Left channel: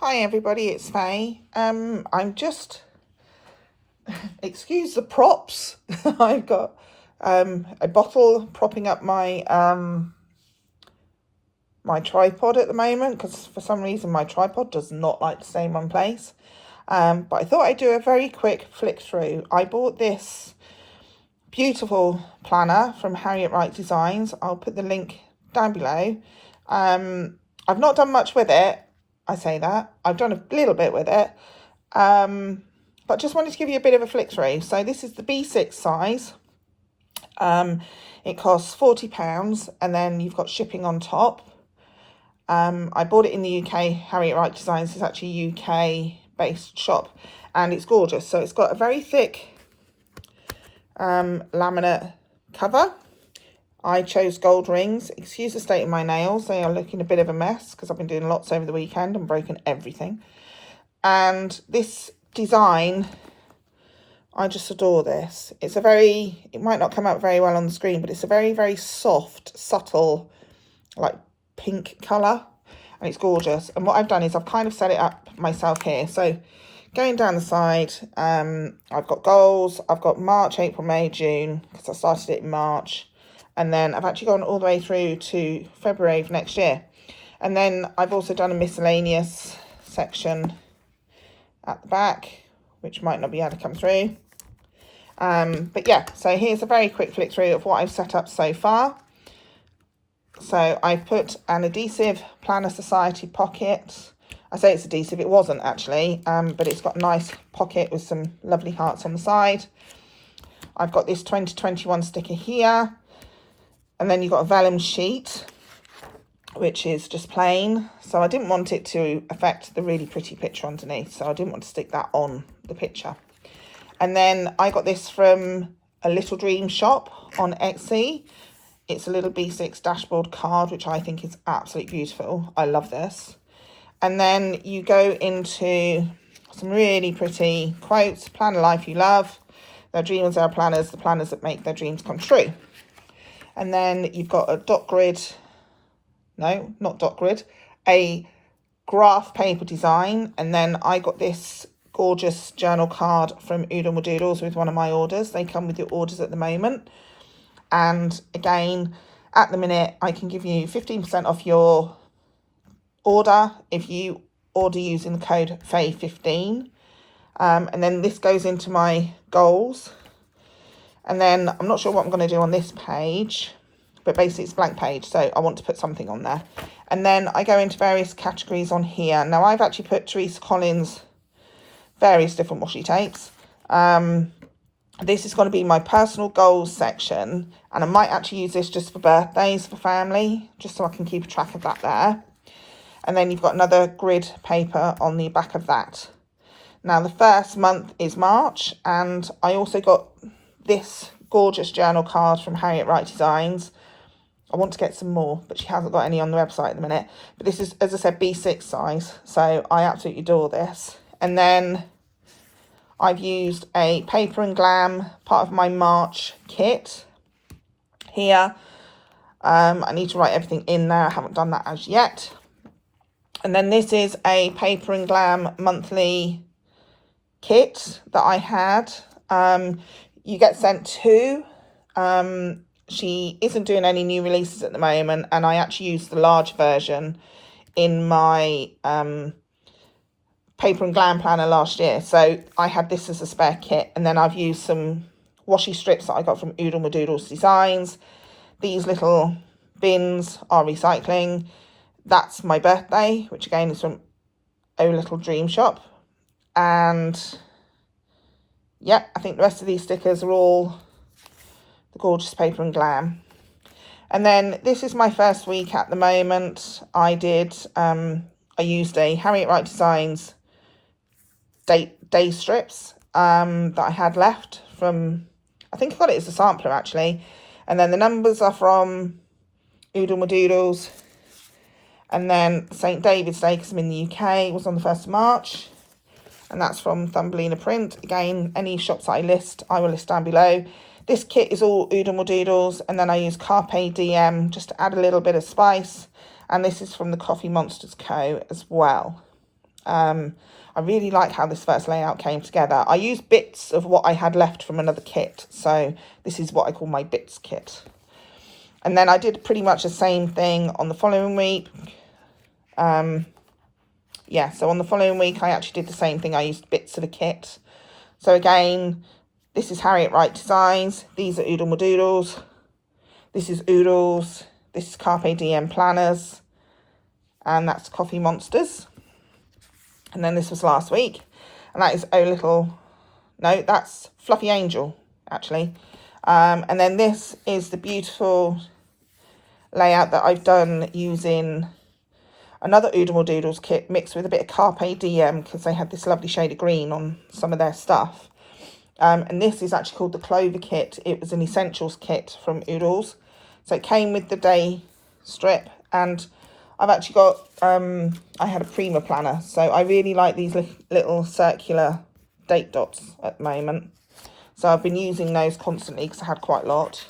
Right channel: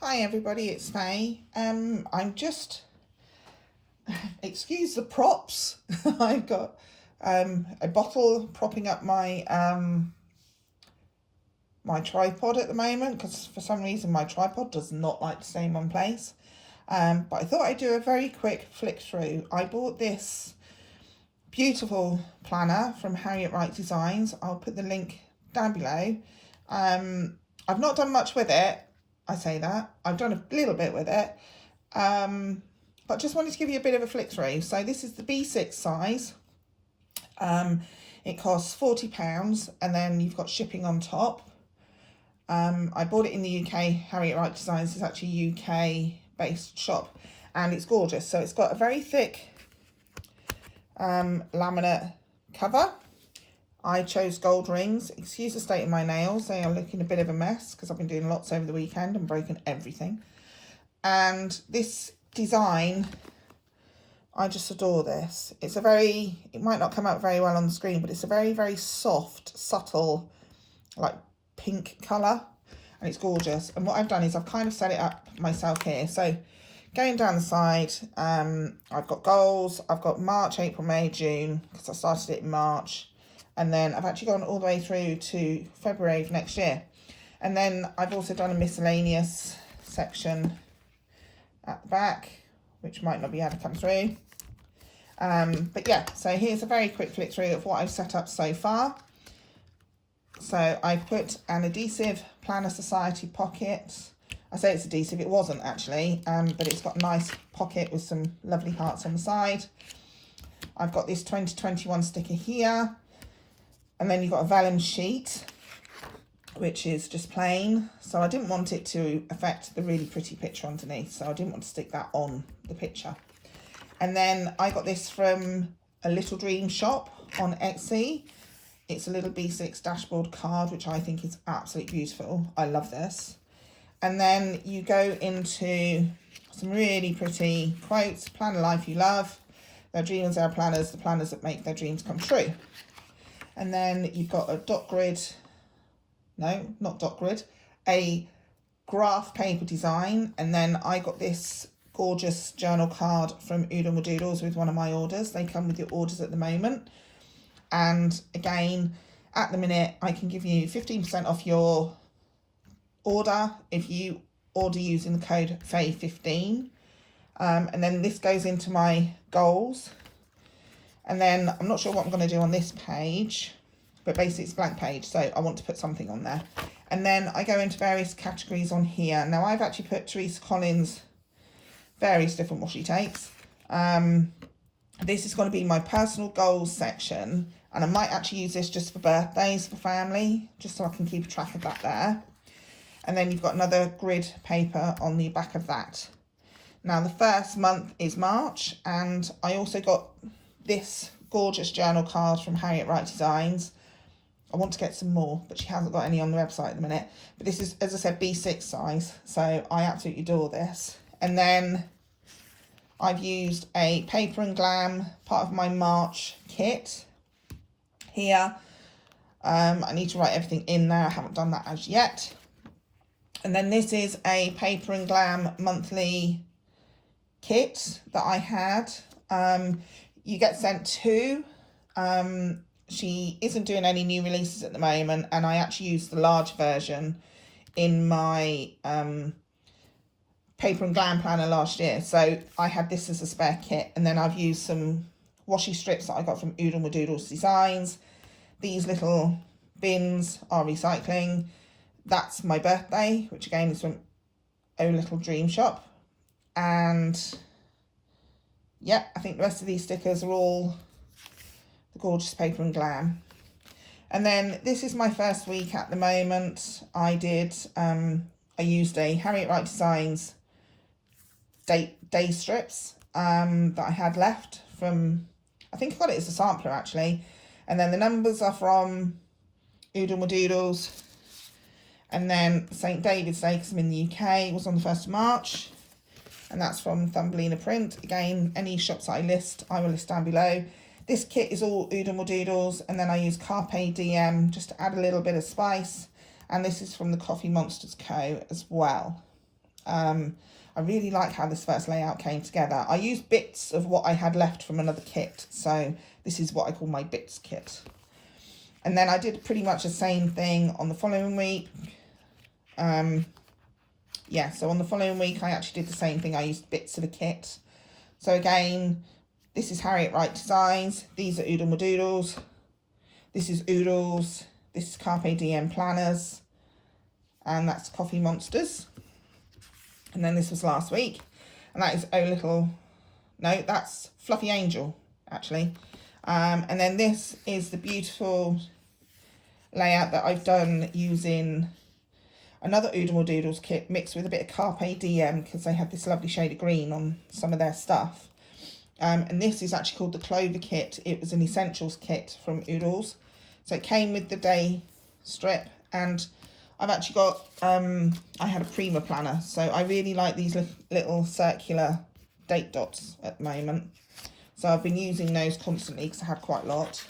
Hi everybody, it's Faye. I'm just, excuse the props. I've got a bottle propping up my tripod at the moment because for some reason my tripod does not like to stay in one place. But I thought I'd do a very quick flick through. I bought this beautiful planner from Harriet Wright Designs. I'll put the link down below. I've not done much with it. I say that. I've done a little bit with it. But just wanted to give you a bit of a flick through. So this is the B6 size. It costs £40 and then you've got shipping on top. I bought it in the UK. Harriet Wright Designs is actually a UK based shop and it's gorgeous. So it's got a very thick laminate cover. I chose gold rings. Excuse the state of my nails. They are looking a bit of a mess because I've been doing lots over the weekend and broken everything. And this design, I just adore this. It's a very, it might not come out very well on the screen, but it's a very, very soft, subtle, like pink colour. And it's gorgeous. And what I've done is I've kind of set it up myself here. So going down the side, I've got goals. I've got March, April, May, June, because I started it in March. And then I've actually gone all the way through to February of next year. And then I've also done a miscellaneous section at the back, which might not be able to come through. But yeah, so here's a very quick flick through of what I've set up so far. So I've put an adhesive Planner Society pocket. I say it's adhesive, it wasn't actually, but it's got a nice pocket with some lovely hearts on the side. I've got this 2021 sticker here. And then you've got a vellum sheet, which is just plain. So I didn't want it to affect the really pretty picture underneath. So I didn't want to stick that on the picture. And then I got this from a Little Dream shop on Etsy. It's a little B6 dashboard card, which I think is absolutely beautiful. I love this. And then you go into some really pretty quotes. Plan a life you love. Their dreamers are planners, the planners that make their dreams come true. And then you've got a dot grid, no, not dot grid, a graph paper design. And then I got this gorgeous journal card from Oodle Doodles with one of my orders. They come with your orders at the moment. And again, at the minute, I can give you 15% off your order if you order using the code FAY15. And then this goes into my goals. And then I'm not sure what I'm going to do on this page, but basically it's a blank page. So I want to put something on there. And then I go into various categories on here. Now I've actually put Teresa Collins' various different washi tapes. This is going to be my personal goals section. And I might actually use this just for birthdays for family, just so I can keep a track of that there. And then you've got another grid paper on the back of that. Now the first month is March. And I also got this gorgeous journal card from Harriet Wright Designs. I want to get some more, but she hasn't got any on the website at the minute. But this is, as I said, B6 size. So I absolutely adore this. And then I've used a Paper and Glam, part of my March kit here. I need to write everything in there. I haven't done that as yet. And then this is a Paper and Glam monthly kit that I had. You get sent two. She isn't doing any new releases at the moment, and I actually used the large version in my Paper and Glam planner last year. So I had this as a spare kit, and then I've used some washi strips that I got from Oodle Doodles Designs. These little bins are recycling. That's my birthday, which again is from O Little Dream Shop. And yeah, I think the rest of these stickers are all the gorgeous Paper and Glam. And then this is my first week at the moment. I used a Harriet Wright Designs day strips that I had left from, I think I got it as a sampler actually. And then the numbers are from Oodle Doodles. And then St. David's Day, because I'm in the UK, was on the 1st of March. And that's from Thumbelina Print. Again, any shops that I list, I will list down below. This kit is all Oodle Doodles, and then I use Carpe diem just to add a little bit of spice. And this is from the Coffee Monsters Co. as well. I really like how this first layout came together. I used bits of what I had left from another kit, so this is what I call my bits kit. And then I did pretty much the same thing on the following week. Yeah, so on the following week I actually did the same thing. I used bits of a kit. So again, this is Harriet Wright Designs. These are Oodle Madoodles. This is Oodles. This is Carpe Diem Planners. And that's Coffee Monsters. And then this was last week. And that is Oh Little... No, that's Fluffy Angel, actually. And then this is the beautiful layout that I've done using another Oodle Doodles kit mixed with a bit of Carpe Diem, because they had this lovely shade of green on some of their stuff. And this is actually called the Clover kit. It was an essentials kit from Oodles. So it came with the day strip, and I've actually got, I had a Prima planner. So I really like these little circular date dots at the moment. So I've been using those constantly because I had quite a lot.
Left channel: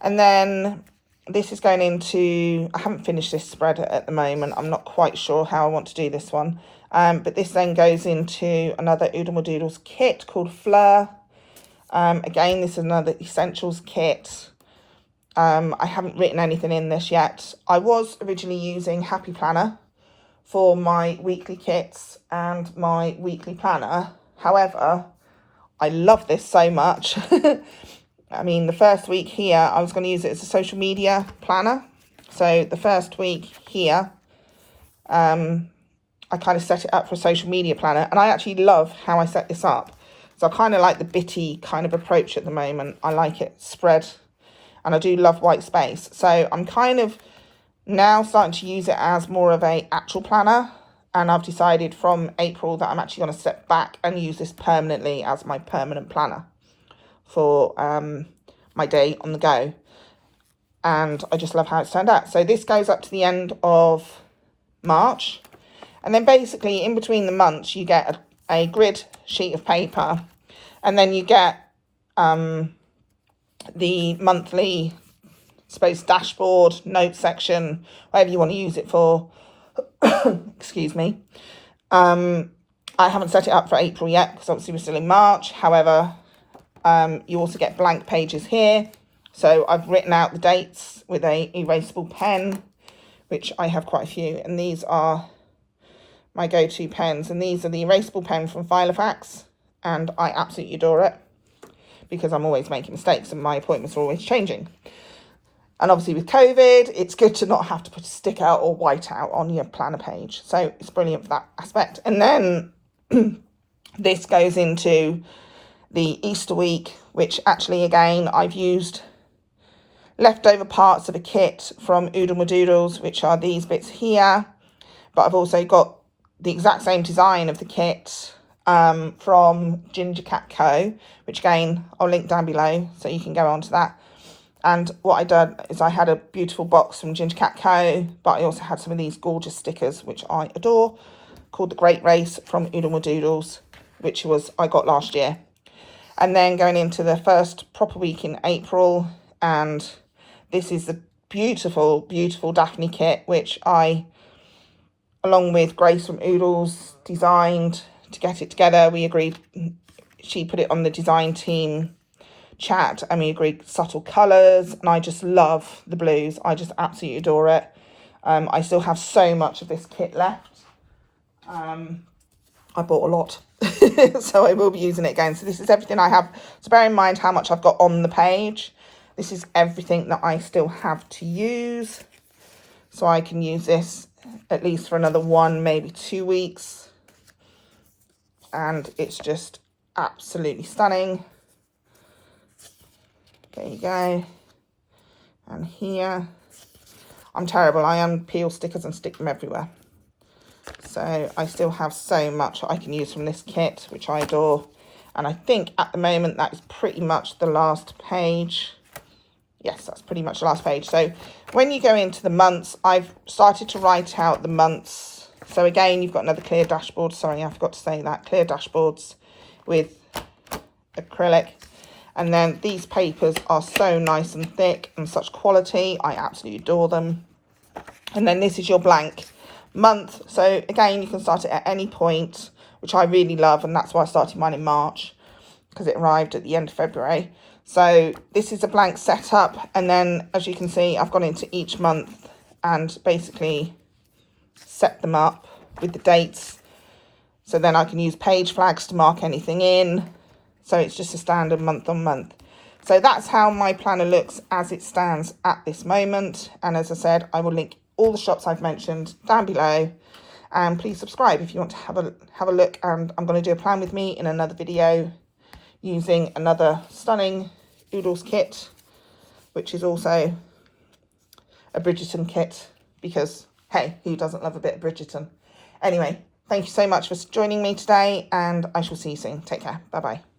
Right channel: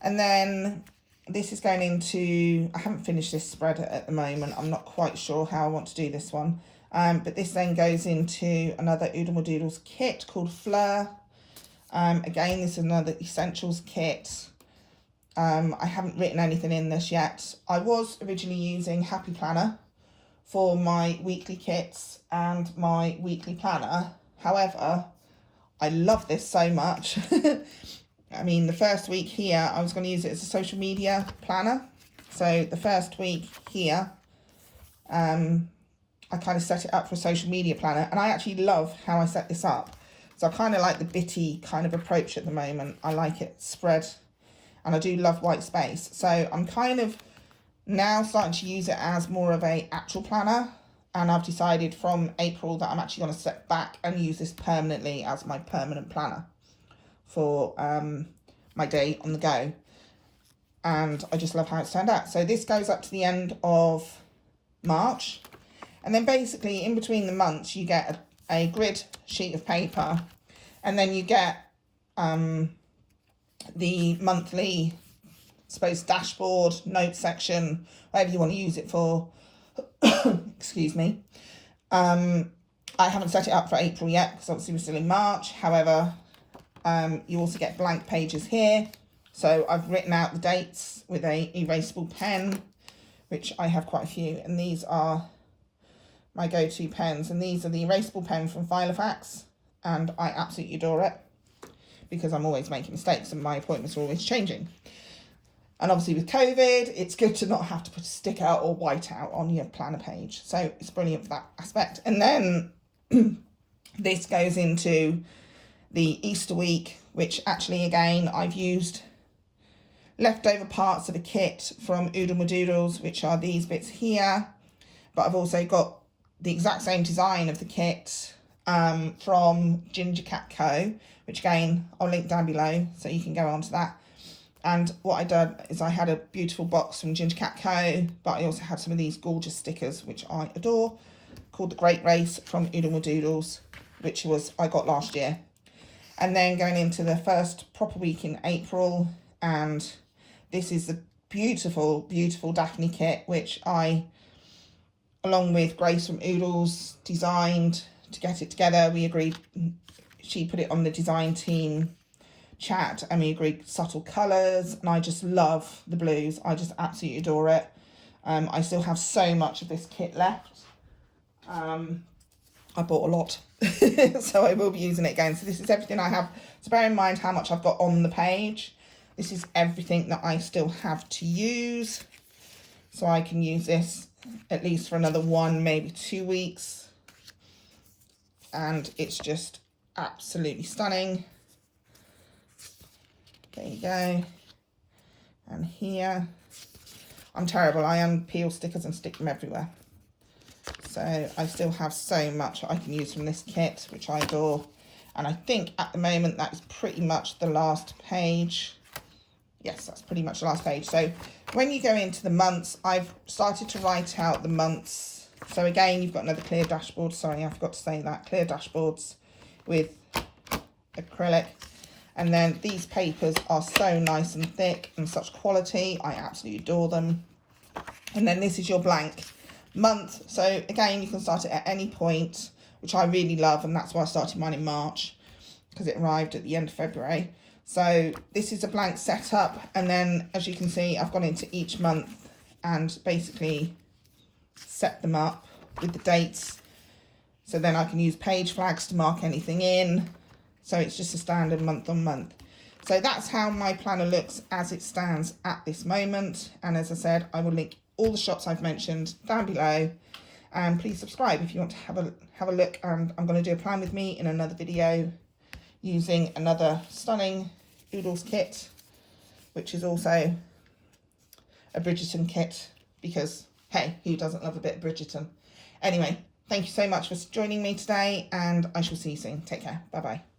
And then this is going into, I haven't finished this spread at the moment. I'm not quite sure how I want to do this one. But this then goes into another Oodle Doodles kit called Fleur. Again, this is another essentials kit. I haven't written anything in this yet. I was originally using Happy Planner for my weekly kits and my weekly planner. However, I love this so much. I mean, the first week here, I was going to use it as a social media planner. So the first week here, I kind of set it up for a social media planner, and I actually love how I set this up. So I kind of like the bitty kind of approach at the moment. I like it spread, and I do love white space. So I'm kind of now starting to use it as more of a actual planner, and I've decided from April that I'm actually going to step back and use this permanently as my permanent planner for my day on the go. And I just love how it's turned out. So this goes up to the end of March. And then basically in between the months, you get a grid sheet of paper, and then you get the monthly, I suppose, dashboard, note section, whatever you want to use it for. Excuse me. I haven't set it up for April yet because obviously we're still in March. However, you also get blank pages here. So I've written out the dates with a erasable pen, which I have quite a few. And these are my go-to pens, and these are the erasable pen from Filofax, and I absolutely adore it because I'm always making mistakes and my appointments are always changing. And obviously with COVID, it's good to not have to put a stick out or white out on your planner page. So it's brilliant for that aspect. And then this goes into the Easter week, which actually, again, I've used leftover parts of a kit from Oodle Doodles, which are these bits here. But I've also got the exact same design of the kit from Ginger Cat Co., which again, I'll link down below so you can go on to that. And what I did is I had a beautiful box from Ginger Cat Co., but I also had some of these gorgeous stickers, which I adore, called The Great Race from Oodle Doodles, which I got last year. And then going into the first proper week in April, and this is the beautiful, beautiful Daphne kit, which I, along with Grace from Oodles, designed to get it together. We agreed, she put it on the design team chat, and we agreed subtle colours, and I just love the blues. I just absolutely adore it. I still have so much of this kit left. I bought a lot, so I will be using it again. So this is everything I have. So bear in mind how much I've got on the page. This is everything that I still have to use. So I can use this at least for another 1, maybe 2 weeks. And it's just absolutely stunning. There you go. And here, I'm terrible. I unpeel stickers and stick them everywhere. So I still have so much I can use from this kit, which I adore. And I think at the moment that is pretty much the last page. Yes, that's pretty much the last page. So when you go into the months, I've started to write out the months. So again, you've got another clear dashboard. Sorry, I forgot to say that. Clear dashboards with acrylic. And then these papers are so nice and thick and such quality. I absolutely adore them. And then this is your blank month. So again, you can start it at any point, which I really love, and that's why I started mine in March, because it arrived at the end of February. So this is a blank setup, and then as you can see, I've gone into each month and basically set them up with the dates, so then I can use page flags to mark anything in. So it's just a standard month on month. So that's how my planner looks as it stands at this moment. And as I said, I will link all the shops I've mentioned down below, and please subscribe if you want to have a look. And I'm going to do a plan with me in another video using another stunning Oodles kit, which is also a Bridgerton kit, because hey, who doesn't love a bit of Bridgerton? Anyway, thank you so much for joining me today, and I shall see you soon. Take care. Bye bye.